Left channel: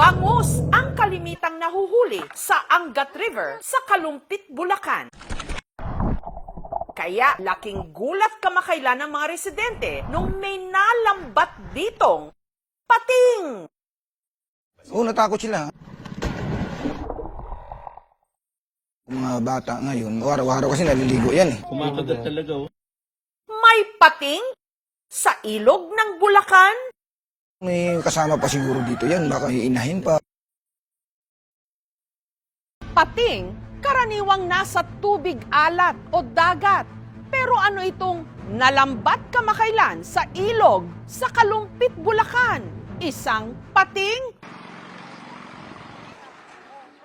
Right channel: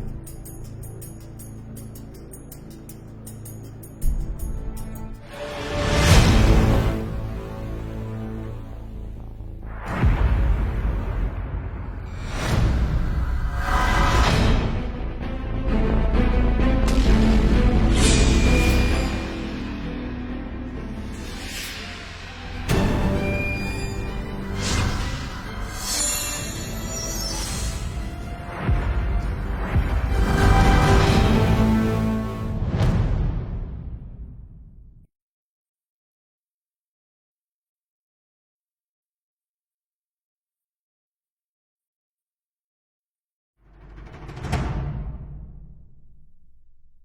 Bangus ang kalimitang nahuhuli sa Angat River sa Kalumpit, Bulacan. Kaya laking gulat kamakailan ng mga residente nung may nalambat ditong pating. Oo, natakot sila. Mga bata ngayon, araw-araw kasi naliligo yan. Kumakagat talaga oh. May pating sa ilog ng Bulacan. May kasama pa siguro dito yan, baka iinahin pa. Pating, karaniwang nasa tubig alat o dagat. Pero ano itong nalambat kamakailan sa ilog sa Kalumpit, Bulacan? Isang pating?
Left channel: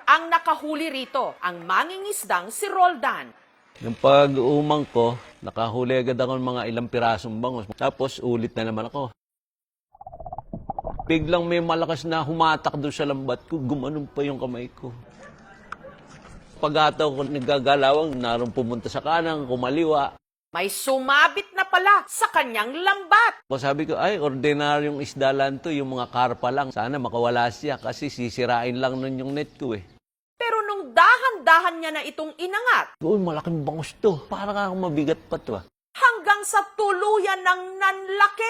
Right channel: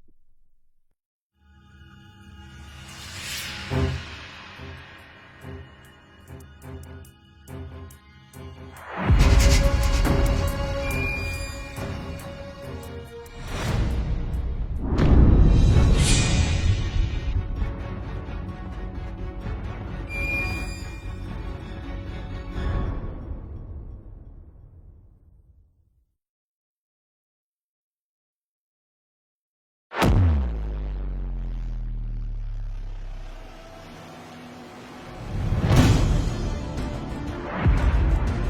Ang nakahuli rito, ang mangingisdang si Roldan. Yung pag-umang ko, nakahuli agad ako ng mga ilang pirasong bangus. Tapos ulit na naman ako. Biglang may malakas na humatak doon sa lambat ko. Gumanon pa yung kamay ko. Pag-ataw ko nagagalawang, naroon pumunta sa kanan, kumaliwa. May sumapit na pala sa kanyang lambat. O sabi ko, ay, ordinaryong isda lang to, yung mga karpa lang. Sana makawala siya kasi sisirain lang nun yung net ko eh. Pero nung dahan-dahan niya na itong inangat, Uy, malaking bangus to. Parang mabigat pa to ah. hanggang sa tuluyan ng nanlaki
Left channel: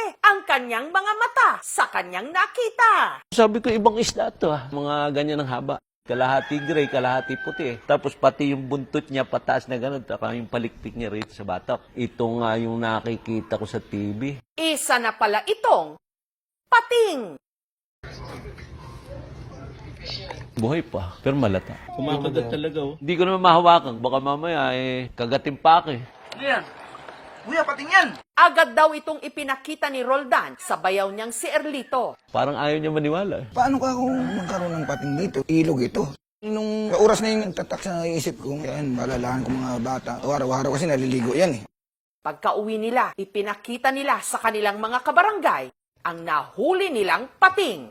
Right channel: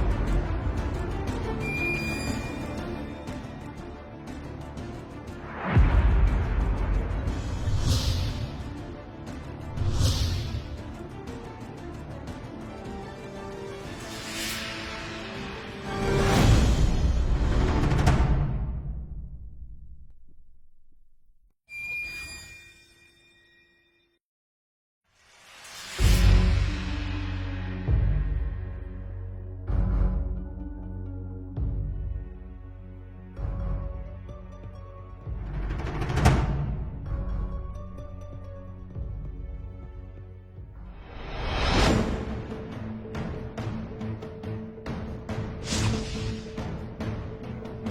kanyang mga mata sa kanyang nakita. Sabi ko, ibang isda to ah. Mga ganyan ng haba. Kalahati gray, kalahati puti. Tapos pati yung buntot niya pataas na gano'n. Tapos yung palikpik niya rito sa batok. Ito nga yung nakikita ko sa TV. Isa na pala itong pating. Buhay pa, pero malata. Kumakagat talaga oh. Hindi ko naman mahawakan. Baka mamaya eh, kagatin pa ako eh. Kuya, kuya, pating yan! Agad daw itong ipinakita ni Roldan sa bayaw niyang si Erlito. Parang ayaw niya maniwala. Paano ka kung magkaroon ng pating dito? Ilog ito. Nung oras na yung tatak sa isip ko, yan, malalahan ko mga bata. Araw-araw kasi naliligo yan. Pagka uwi nila, ipinakita nila sa kanilang mga kabarangay ang nahuli nilang pating.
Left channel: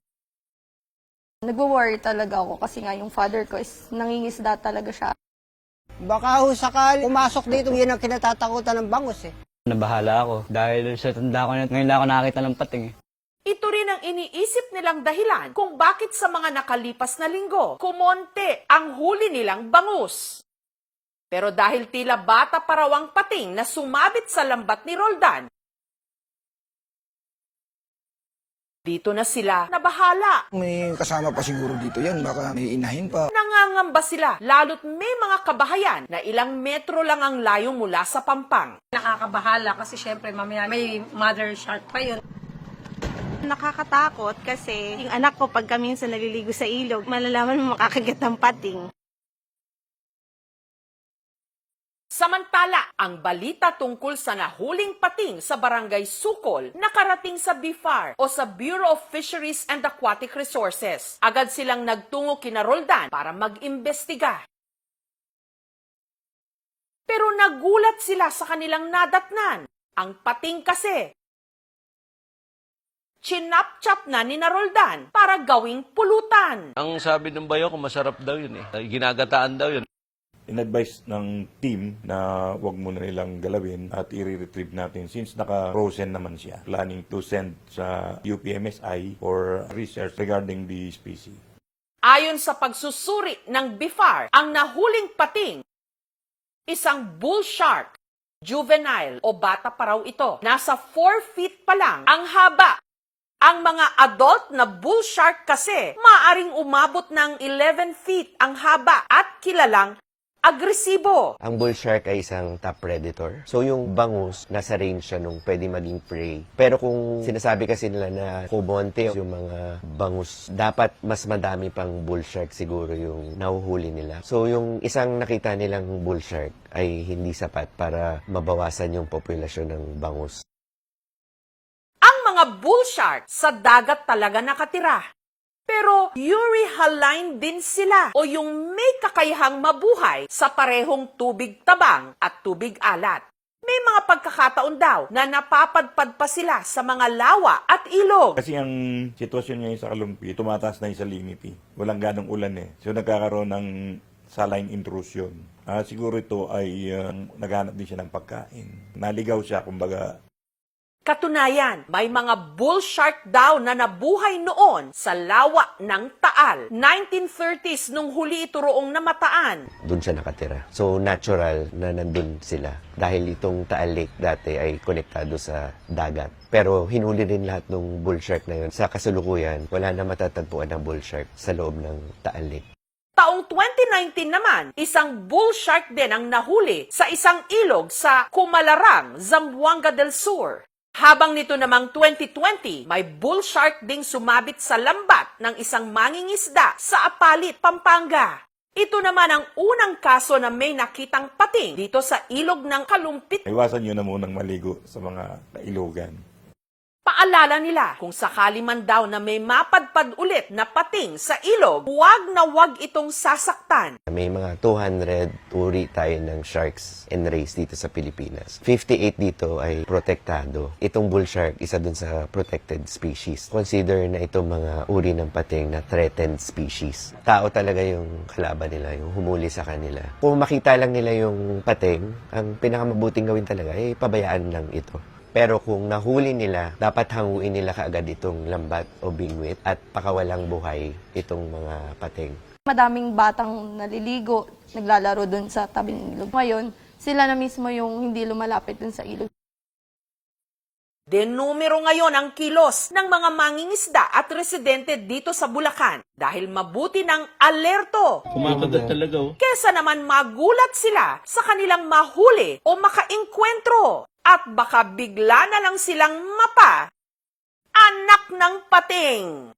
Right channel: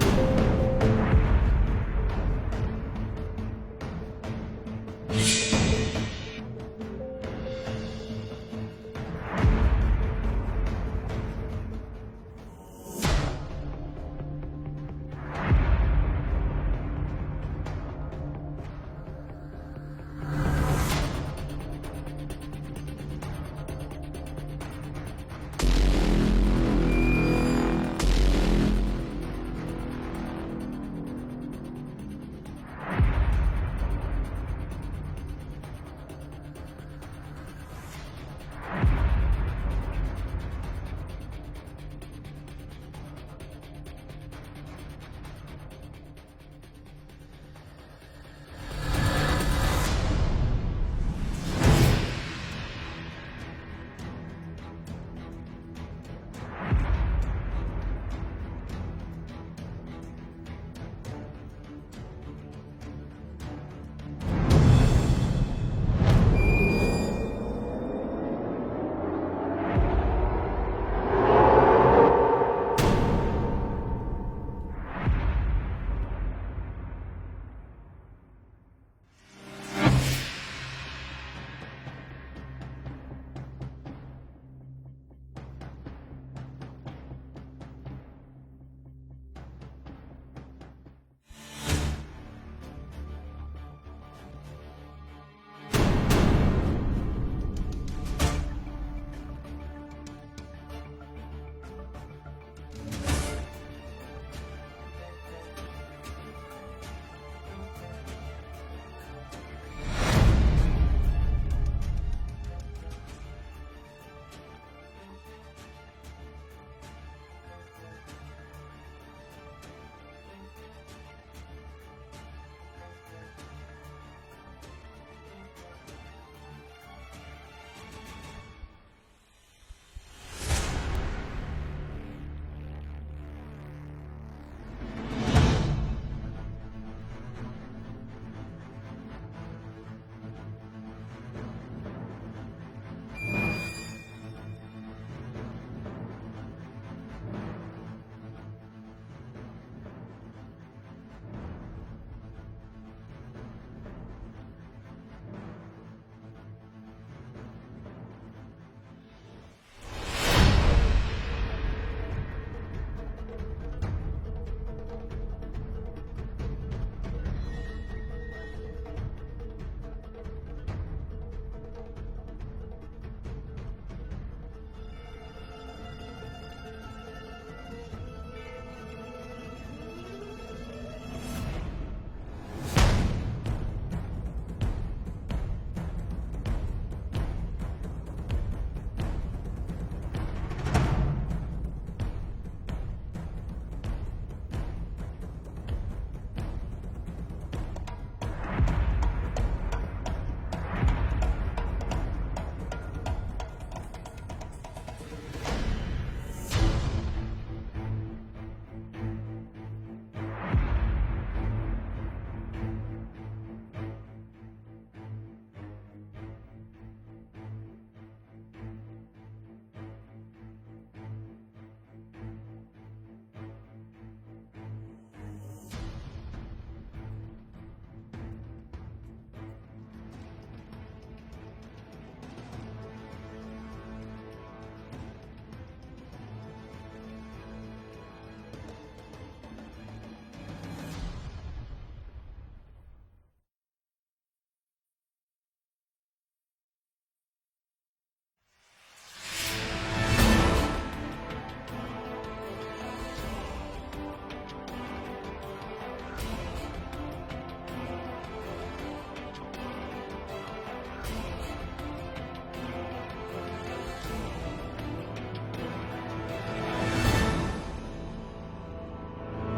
Nag-worry talaga ako kasi nga yung father ko is nangingisda talaga siya. Baka ho sakali pumasok dito, yun ang kinatatakutan ng bangus eh. Nabahala ako dahil sa tanda ko na ngayon lang ako nakakita ng pating. eh. Ito rin ang iniisip nilang dahilan kung bakit sa mga nakalipas na linggo, kumonte ang huli nilang bangus. Pero dahil tila bata parawang pating na sumabit sa lambat ni Roldan, dito na sila nabahala. May kasama pa siguro dito yan, baka may inahin pa. Nangangamba sila, lalo't may mga kabahayan na ilang metro lang ang layo mula sa pampang. nakakabahala kasi syempre mamaya may mother shark pa yun. Nakakatakot kasi yung anak ko pagka minsan naliligo sa ilog, malalaman mo makakagat ng pating. Ang balita tungkol sa nahuling pating sa Barangay Sukol nakarating sa BIFAR o sa Bureau of Fisheries and Aquatic Resources. Agad silang nagtungo kina Roldan para mag-imbestiga. Pero nagulat sila sa kanilang nadatnan. Ang pating kasi, chinap-chap na ni Roldan para gawing pulutan. Ang sabi ng bayo ko, masarap daw yun eh. Ginagataan daw yun. In-advise ng team na wag muna nilang galawin at i-retrieve natin since naka-frozen naman siya. Planning to send sa UPMSI for research regarding the species. Ayon sa pagsusuri ng BIFAR, ang nahuling pating, isang bull shark, juvenile o bata pa raw ito. Nasa 4 feet pa lang ang haba. Ang mga adult na bull shark kasi maaring umabot ng 11 feet ang haba at kilalang agresibo. Ang bull shark ay isang top predator. So yung bangus, nasa range siya nung pwede maging prey. Pero kung sinasabi kasi nila na kumonte yung mga bangus, dapat mas madami pang bull shark siguro yung nahuhuli nila. So yung isang nakita nilang bull shark ay hindi sapat para mabawasan yung populasyon ng bangus. Bull shark sa dagat talaga nakatira. Pero euryhaline din sila o yung may kakayahang mabuhay sa parehong tubig tabang at tubig alat. May mga pagkakataon daw na napapadpad pa sila sa mga lawa at ilog. Kasi ang sitwasyon ngayon sa Kalumpi, tumataas na yung salinity. Walang ganong ulan eh. So nagkakaroon ng saline intrusion. Ah, siguro ito ay uh, naghanap din siya ng pagkain. Naligaw siya, kumbaga. Katunayan, may mga bull shark daw na nabuhay noon sa lawa ng Taal. 1930s nung huli ito roong namataan. Doon siya nakatira. So, natural na nandun sila. Dahil itong Taal Lake dati ay konektado sa dagat. Pero hinuli rin lahat ng bull shark na yun. Sa kasalukuyan, wala na matatagpuan ng bull shark sa loob ng Taal Lake. Taong 2019 naman, isang bull shark din ang nahuli sa isang ilog sa Kumalarang, Zamboanga del Sur. Habang nito namang 2020, may bull shark ding sumabit sa lambat ng isang mangingisda sa Apalit, Pampanga. Ito naman ang unang kaso na may nakitang pating dito sa ilog ng Kalumpit Iwasan nyo na munang maligo sa mga ilogan. Paalala nila, kung sakali man daw na may mapadpad ulit na pating sa ilog, huwag na huwag itong sasaktan. May mga 200 uri tayo ng sharks and rays dito sa Pilipinas. 58 dito ay protektado. Itong bull shark, isa dun sa protected species. Consider na itong mga uri ng pating na threatened species. Tao talaga yung kalaban nila, yung humuli sa kanila. Kung makita lang nila yung pating, ang pinakamabuting gawin talaga ay pabayaan lang ito. Pero kung nahuli nila, dapat hanguin nila kaagad itong lambat o bingwit at pakawalang buhay itong mga pating. Madaming batang naliligo, naglalaro dun sa tabing ilog. Ngayon, sila na mismo yung hindi lumalapit dun sa ilog. Denumero ngayon ang kilos ng mga mangingisda at residente dito sa Bulacan dahil mabuti ng alerto Kumakagat talaga oh. kesa naman magulat sila sa kanilang mahuli o makaengkwentro at baka bigla na lang silang mapa. Anak ng pating!